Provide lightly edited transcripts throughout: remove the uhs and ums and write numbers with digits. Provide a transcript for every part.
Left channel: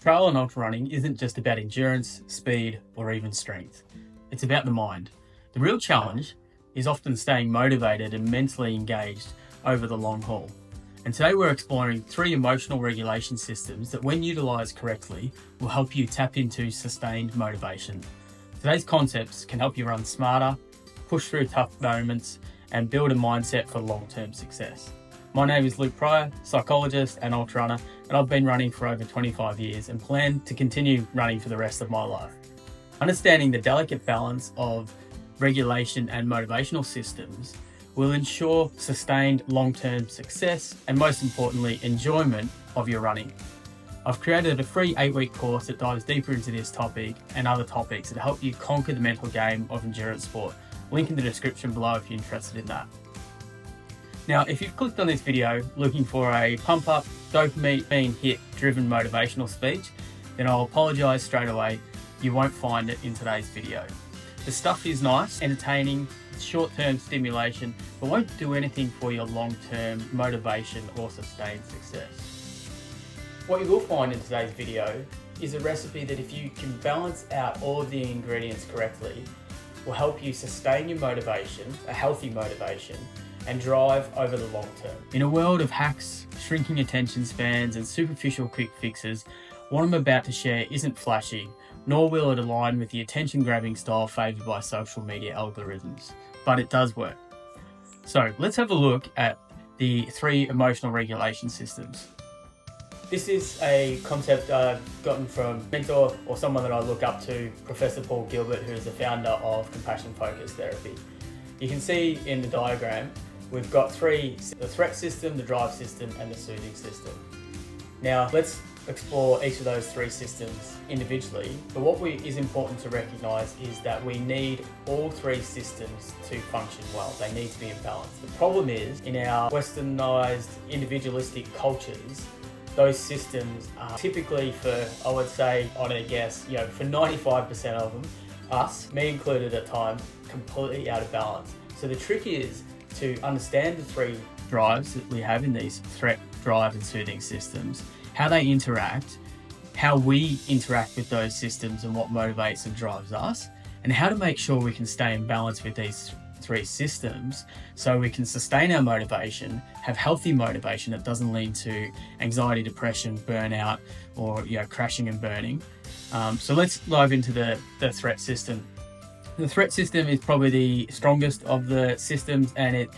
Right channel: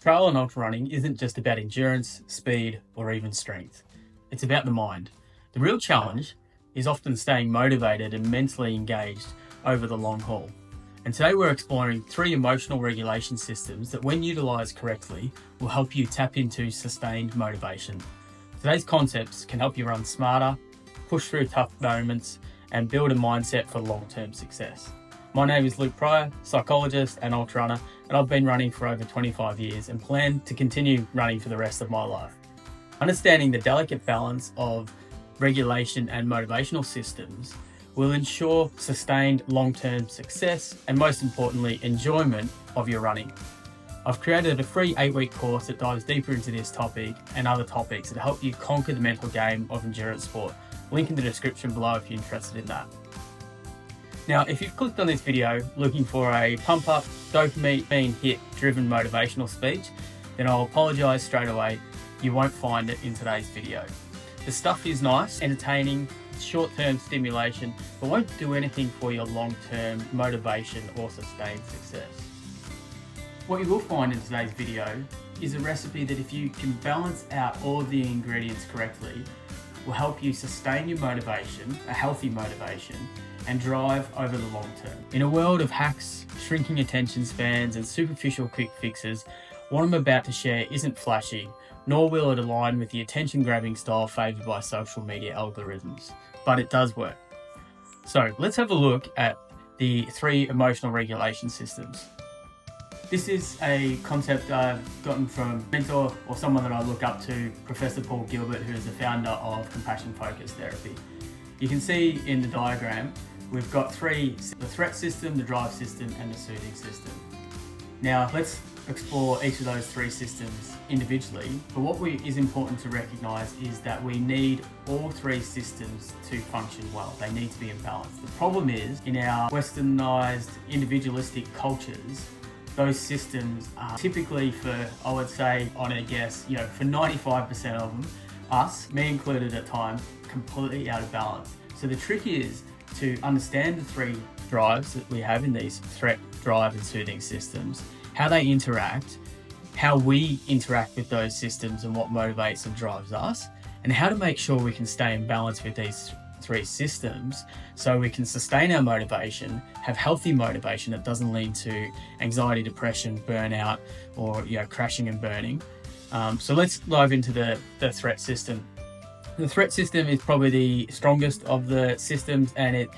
Trail and ultra running isn't just about endurance, speed, or even strength. It's about the mind. The real challenge is often staying motivated and mentally engaged over the long haul. And today we're exploring 3 emotional regulation systems that, when utilised correctly, will help you tap into sustained motivation. Today's concepts can help you run smarter, push through tough moments, and build a mindset for long-term success. My name is Luke Pryor, psychologist and ultra runner, and I've been running for over 25 years and plan to continue running for the rest of my life. Understanding the delicate balance of regulation and motivational systems will ensure sustained long-term success and, most importantly, enjoyment of your running. I've created a free 8-week course that dives deeper into this topic and other topics that help you conquer the mental game of endurance sport. Link in the description below if you're interested in that. Now, if you've clicked on this video looking for a pump up, dopamine hit driven motivational speech, then I'll apologise straight away. You won't find it in today's video. The stuff is nice, entertaining, short-term stimulation, but won't do anything for your long-term motivation or sustained success. What you will find in today's video is a recipe that, if you can balance out all of the ingredients correctly, will help you sustain your motivation, a healthy motivation, and drive over the long term. In a world of hacks, shrinking attention spans, and superficial quick fixes, what I'm about to share isn't flashy, nor will it align with the attention-grabbing style favoured by social media algorithms, but it does work. So let's have a look at the 3 emotional regulation systems. This is a concept I've gotten from a mentor or someone that I look up to, Professor Paul Gilbert, who is the founder of compassion-focused therapy. You can see in the diagram, we've got 3, the threat system, the drive system, and the soothing system. Now, let's explore each of those 3 systems individually, but what is important to recognise is that we need all 3 systems to function well. They need to be in balance. The problem is, in our westernised, individualistic cultures, those systems are typically, for, I would say, on a guess, for 95% of them, us, me included at times, completely out of balance. So the trick is to understand the 3 drives that we have in these threat, drive, and soothing systems, how they interact, how we interact with those systems and what motivates and drives us, and how to make sure we can stay in balance with these 3 systems so we can sustain our motivation, have healthy motivation that doesn't lead to anxiety, depression, burnout, or crashing and burning. So let's dive into the threat system. The threat system is probably the strongest of the systems, and it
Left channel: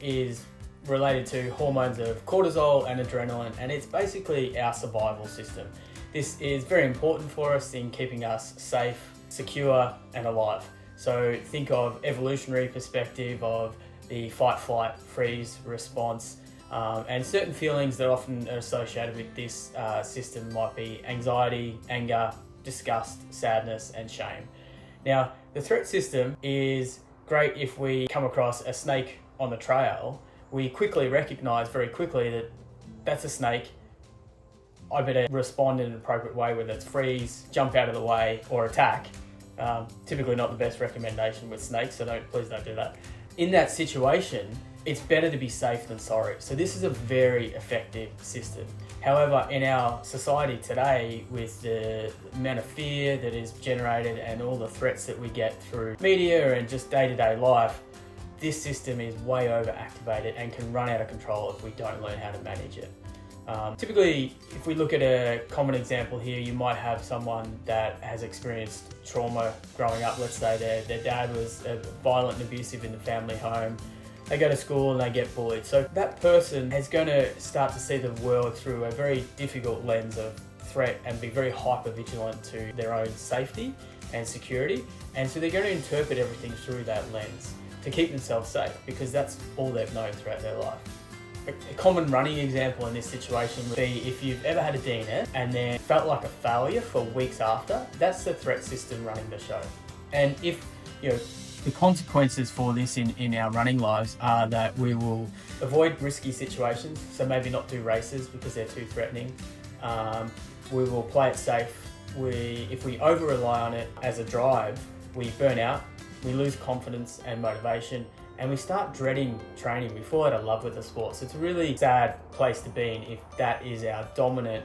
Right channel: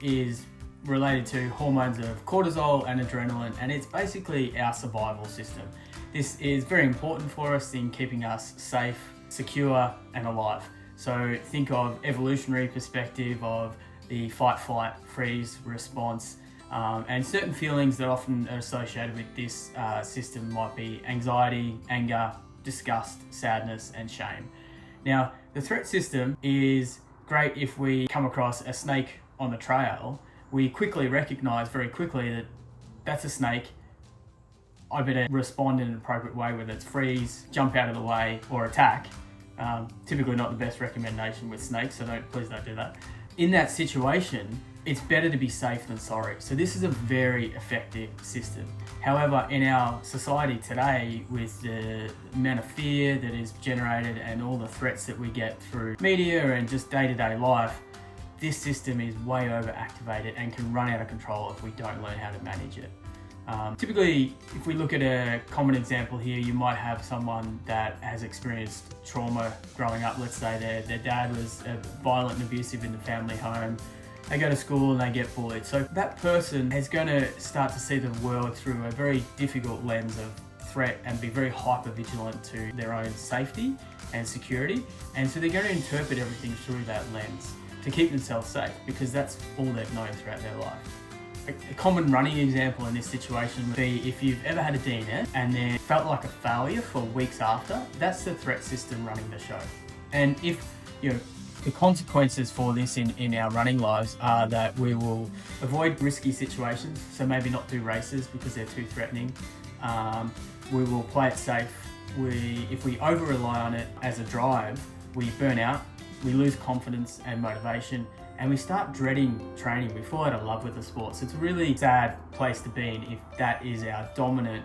is related to hormones of cortisol and adrenaline, and it's basically our survival system. This is very important for us in keeping us safe, secure, and alive. So think of evolutionary perspective of the fight, flight, freeze response, and certain feelings that often are associated with this system might be anxiety, anger, disgust, sadness, and shame. Now, the threat system is great if we come across a snake on the trail. We quickly recognize very quickly that that's a snake. I better respond in an appropriate way, whether it's freeze, jump out of the way, or attack. Typically not the best recommendation with snakes, so please don't do that. In that situation, it's better to be safe than sorry. So this is a very effective system. However, in our society today, with the amount of fear that is generated and all the threats that we get through media and just day-to-day life, this system is way overactivated and can run out of control if we don't learn how to manage it. Typically, if we look at a common example here, you might have someone that has experienced trauma growing up. Let's say their dad was violent and abusive in the family home. They go to school and they get bullied. So that person is going to start to see the world through a very difficult lens of threat and be very hyper vigilant to their own safety and security. And so they're going to interpret everything through that lens to keep themselves safe, because that's all they've known throughout their life. A common running example in this situation would be if you've ever had a DNF and then felt like a failure for weeks after. That's the threat system running the show. And if the consequences for this in our running lives are that we will avoid risky situations, so maybe not do races because they're too threatening. We will play it safe. If we over rely on it as a drive, we burn out, we lose confidence and motivation, and we start dreading training. We fall out of love with the sport. So it's a really sad place to be in if that is our dominant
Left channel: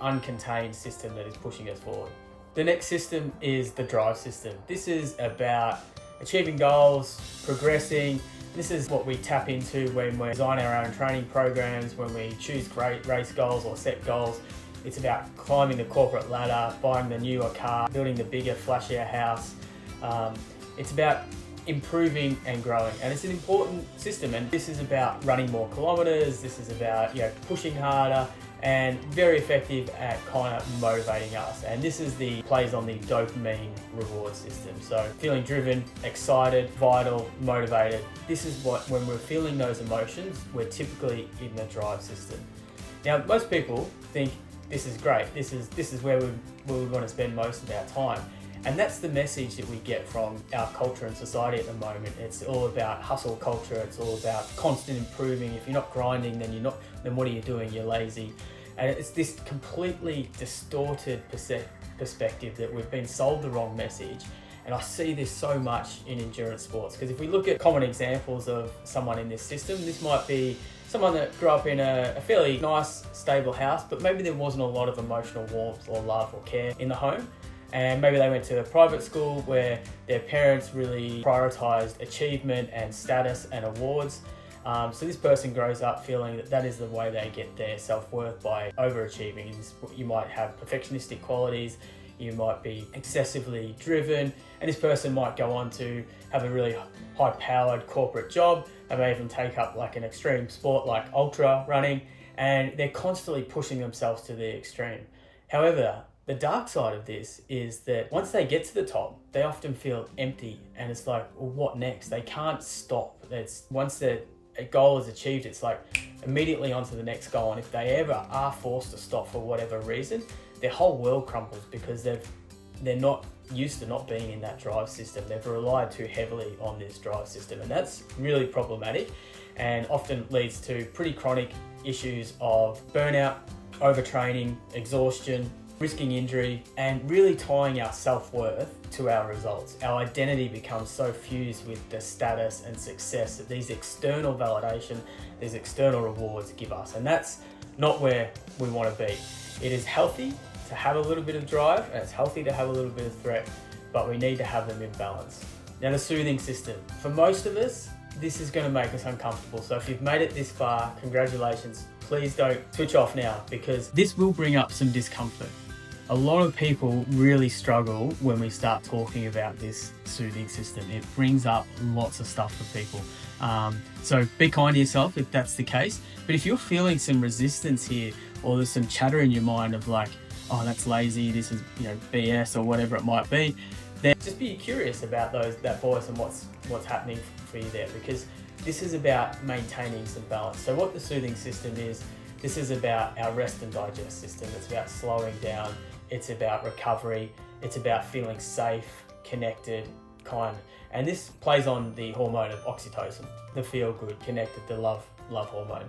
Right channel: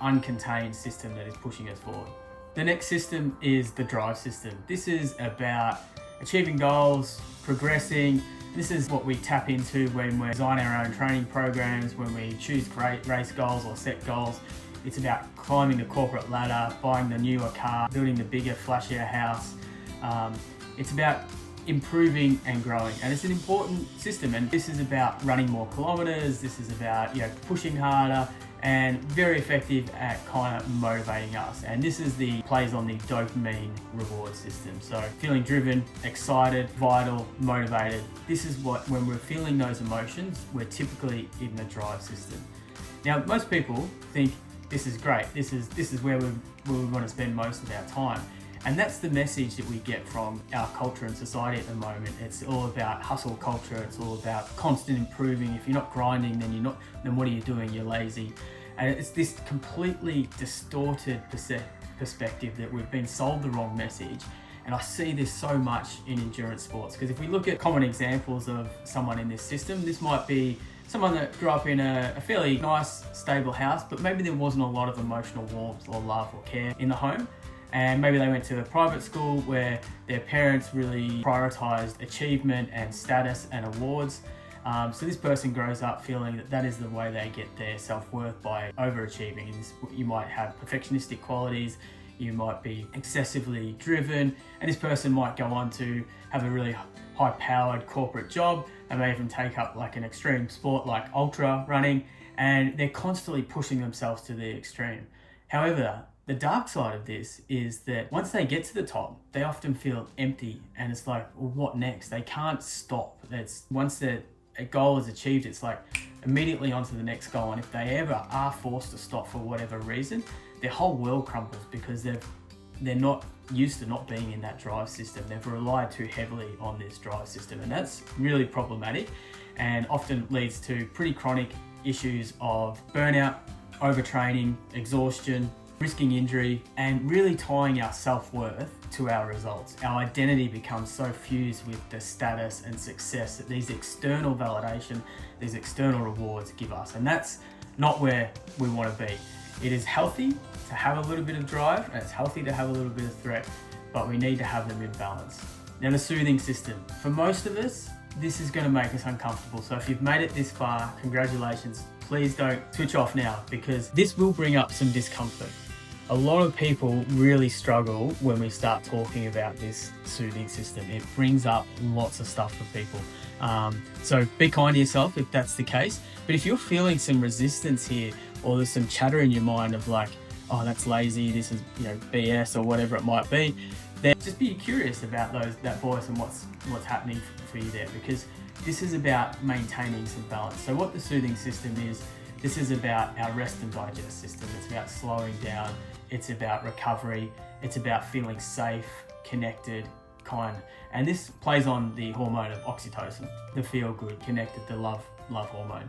uncontained system that is pushing us forward. The next system is the drive system. This is about achieving goals, progressing. This is what we tap into when we design our own training programs, when we choose great race goals or set goals. It's about climbing the corporate ladder, buying the newer car, building the bigger, flashier house. It's about improving and growing, and it's an important system. And this is about running more kilometers. This is about pushing harder, and very effective at kind of motivating us. And this is plays on the dopamine reward system. So feeling driven, excited, vital, motivated. This is when we're feeling those emotions, we're typically in the drive system. Now, most people think this is great. This is where we want to spend most of our time. And that's the message that we get from our culture and society at the moment. It's all about hustle culture. It's all about constant improving. If you're not grinding, then what are you doing? You're lazy. And it's this completely distorted perspective that we've been sold the wrong message. And I see this so much in endurance sports, because if we look at common examples of someone in this system, this might be someone that grew up in a fairly nice, stable house, but maybe there wasn't a lot of emotional warmth or love or care in the home. And maybe they went to a private school where their parents really prioritized achievement and status and awards. So this person grows up feeling that is the way they get their self-worth, by overachieving. You might have perfectionistic qualities, you might be excessively driven, and this person might go on to have a really high-powered corporate job. They may even take up like an extreme sport like ultra running, and they're constantly pushing themselves to the extreme. However, the dark side of this is that once they get to the top, they often feel empty, and it's like, well, what next? They can't stop. Once a goal is achieved, it's like immediately onto the next goal. And if they ever are forced to stop for whatever reason, their whole world crumbles, because they're not used to not being in that drive system. They've relied too heavily on this drive system, and that's really problematic and often leads to pretty chronic issues of burnout, overtraining, exhaustion, risking injury, and really tying our self-worth to our results. Our identity becomes so fused with the status and success that these external validation, these external rewards give us. And that's not where we want to be. It is healthy to have a little bit of drive, and it's healthy to have a little bit of threat, but we need to have them in balance. Now, the soothing system. For most of us, this is going to make us uncomfortable. So if you've made it this far, congratulations. Please don't switch off now, because this will bring up some discomfort. A lot of people really struggle when we start talking about this soothing system. It brings up lots of stuff for people. So be kind to yourself if that's the case. But if you're feeling some resistance here, or there's some chatter in your mind of like, oh, that's lazy, this is BS, or whatever it might be, then just be curious about that voice and what's happening for you there, because this is about maintaining some balance. So what the soothing system is, this is about our rest and digest system. It's about slowing down. It's about recovery. It's about feeling safe, connected, kind. And this plays on the hormone of oxytocin, the feel good, connected, the love hormone.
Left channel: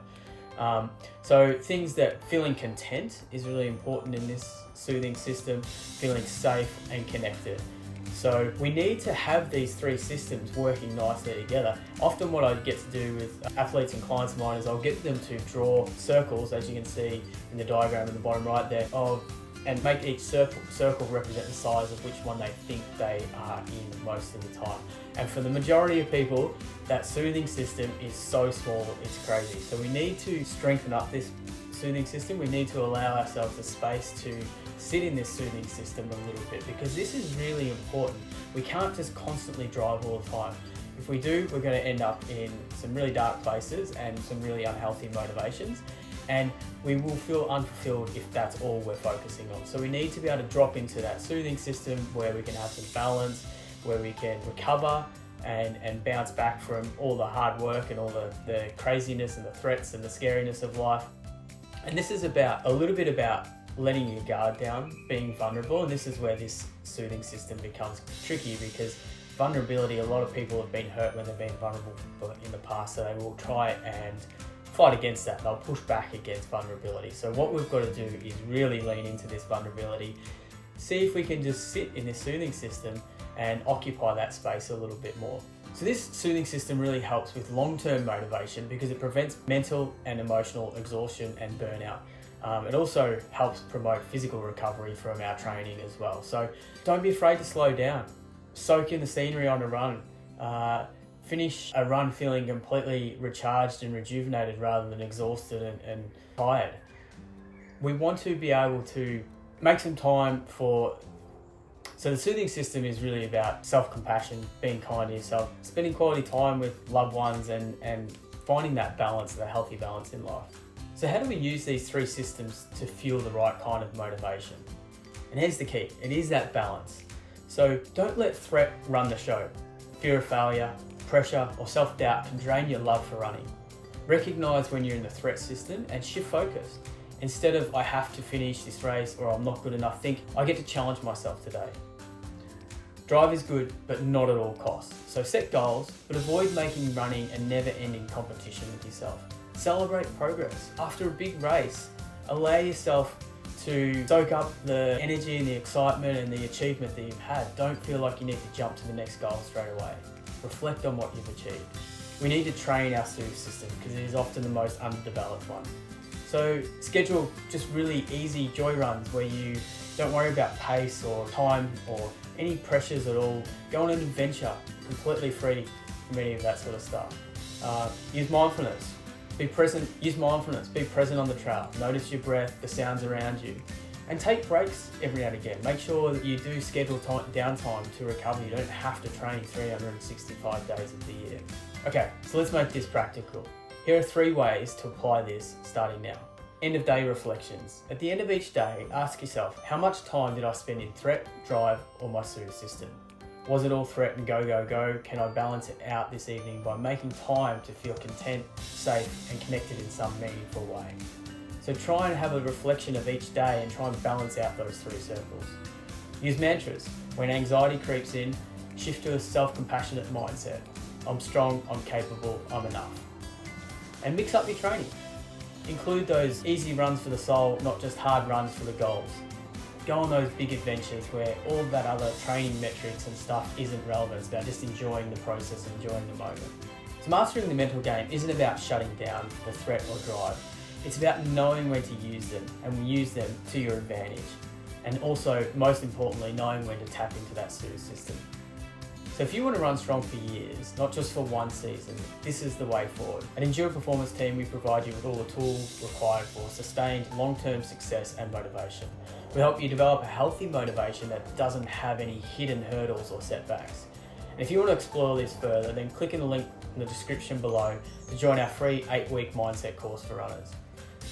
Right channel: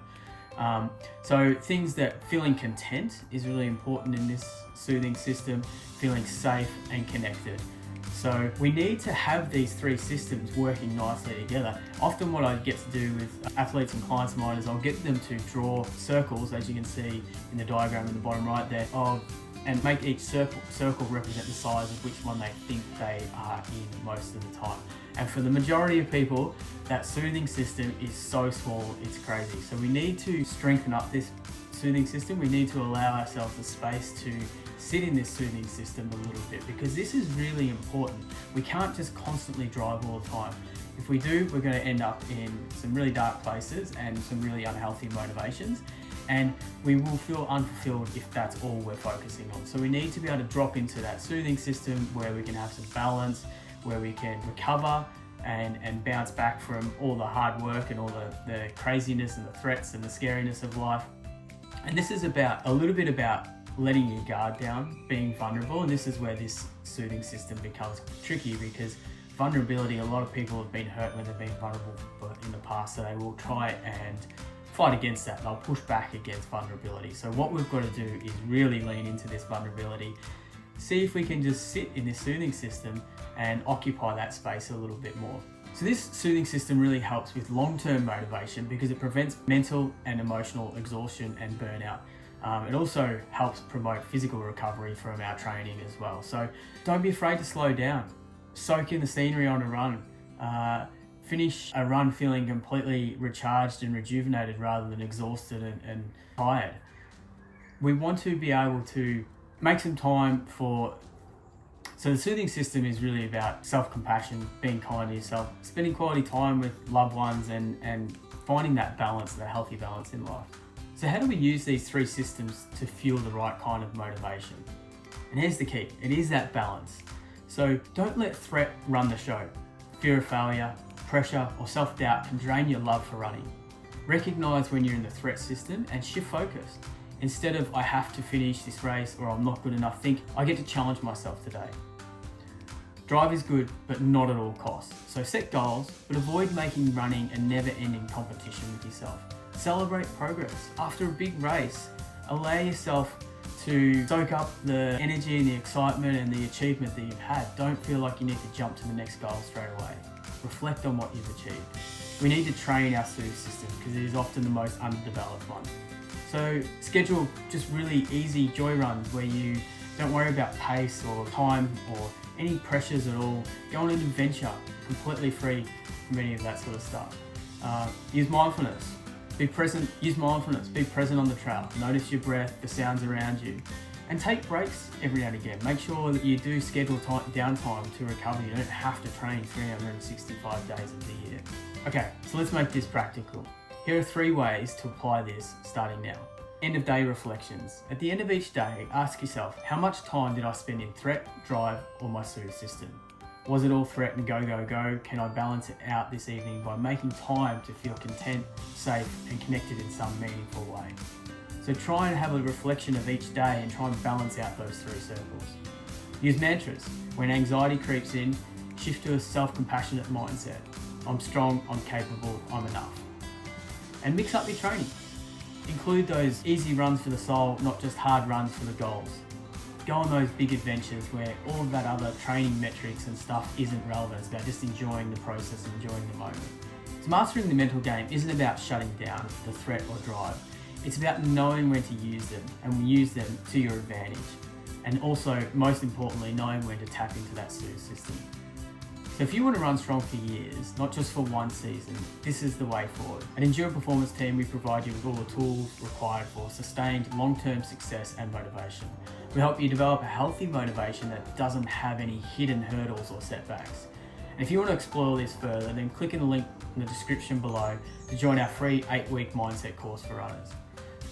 So things that feeling content is really important in this soothing system, feeling safe and connected. So we need to have these three systems working nicely together. Often what I get to do with athletes and clients of mine is I'll get them to draw circles, as you can see in the diagram in the bottom right there, and make each circle represent the size of which one they think they are in most of the time. And for the majority of people, that soothing system is so small, it's crazy. So we need to strengthen up this soothing system. We need to allow ourselves the space to sit in this soothing system a little bit, because this is really important. We can't just constantly drive all the time. If we do, we're going to end up in some really dark places and some really unhealthy motivations, and we will feel unfulfilled if that's all we're focusing on. So we need to be able to drop into that soothing system where we can have some balance, where we can recover and bounce back from all the hard work and all the craziness and the threats and the scariness of life. And this is a little bit about letting your guard down, being vulnerable. And this is where this soothing system becomes tricky, because vulnerability, a lot of people have been hurt when they've been vulnerable in the past, so they will try and fight against that. They'll push back against vulnerability. So what we've got to do is really lean into this vulnerability, see if we can just sit in this soothing system and occupy that space a little bit more. So this soothing system really helps with long-term motivation, because it prevents mental and emotional exhaustion and burnout. It also helps promote physical recovery from our training as well. So don't be afraid to slow down. Soak in the scenery on a run. Finish a run feeling completely recharged and rejuvenated rather than exhausted and tired. We want to be able to make some time for... So the soothing system is really about self-compassion, being kind to yourself, spending quality time with loved ones and finding that balance, that healthy balance in life. So how do we use these three systems to fuel the right kind of motivation? And here's the key, it is that balance. So don't let threat run the show. Fear of failure, pressure or self-doubt can drain your love for running. Recognize when you're in the threat system and shift focus. Instead of I have to finish this race or I'm not good enough, think I get to challenge myself today. Drive is good, but not at all costs. So set goals, but avoid making running a never-ending competition with yourself. Celebrate progress. After a big race, allow yourself to soak up the energy and the excitement and the achievement that you've had. Don't feel like you need to jump to the next goal straight away. Reflect on what you've achieved. We need to train our Soothe system because it is often the most underdeveloped one. So schedule just really easy joy runs where you don't worry about pace or time or any pressures at all. Go on an adventure completely free from any of that sort of stuff. Use mindfulness. Be present. Use mindfulness. Be present on the trail. Notice your breath, the sounds around you, and take breaks every now and again. Make sure that you do schedule downtime to recover. You don't have to train 365 days of the year. Okay, so let's make this practical. Here are 3 ways to apply this starting now. End of day reflections. At the end of each day, ask yourself, how much time did I spend in threat, drive, or my Soothe system? Was it all threat and go, go, go? Can I balance it out this evening by making time to feel content, safe, and connected in some meaningful way? So try and have a reflection of each day and try and balance out those 3 circles. Use mantras. When anxiety creeps in, shift to a self-compassionate mindset. I'm strong, I'm capable, I'm enough. And mix up your training. Include those easy runs for the soul, not just hard runs for the goals. Go on those big adventures where all of that other training metrics and stuff isn't relevant. It's about just enjoying the process and enjoying the moment. So mastering the mental game isn't about shutting down the threat or drive. It's about knowing when to use them and use them to your advantage. And also, most importantly, knowing when to tap into that Soothe system. So if you want to run strong for years, not just for one season, this is the way forward. At Endure Performance Team, we provide you with all the tools required for sustained long-term success and motivation. We help you develop a healthy motivation that doesn't have any hidden hurdles or setbacks. And if you want to explore this further, then click in the link in the description below to join our free 8-week mindset course for runners.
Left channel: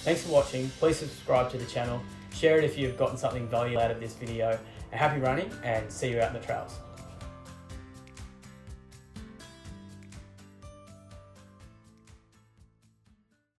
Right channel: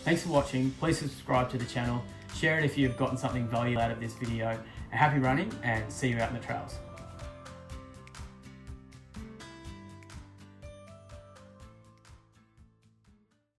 Thanks for watching. Please subscribe to the channel, share it if you've gotten something valuable out of this video, and happy running, and see you out in the trails.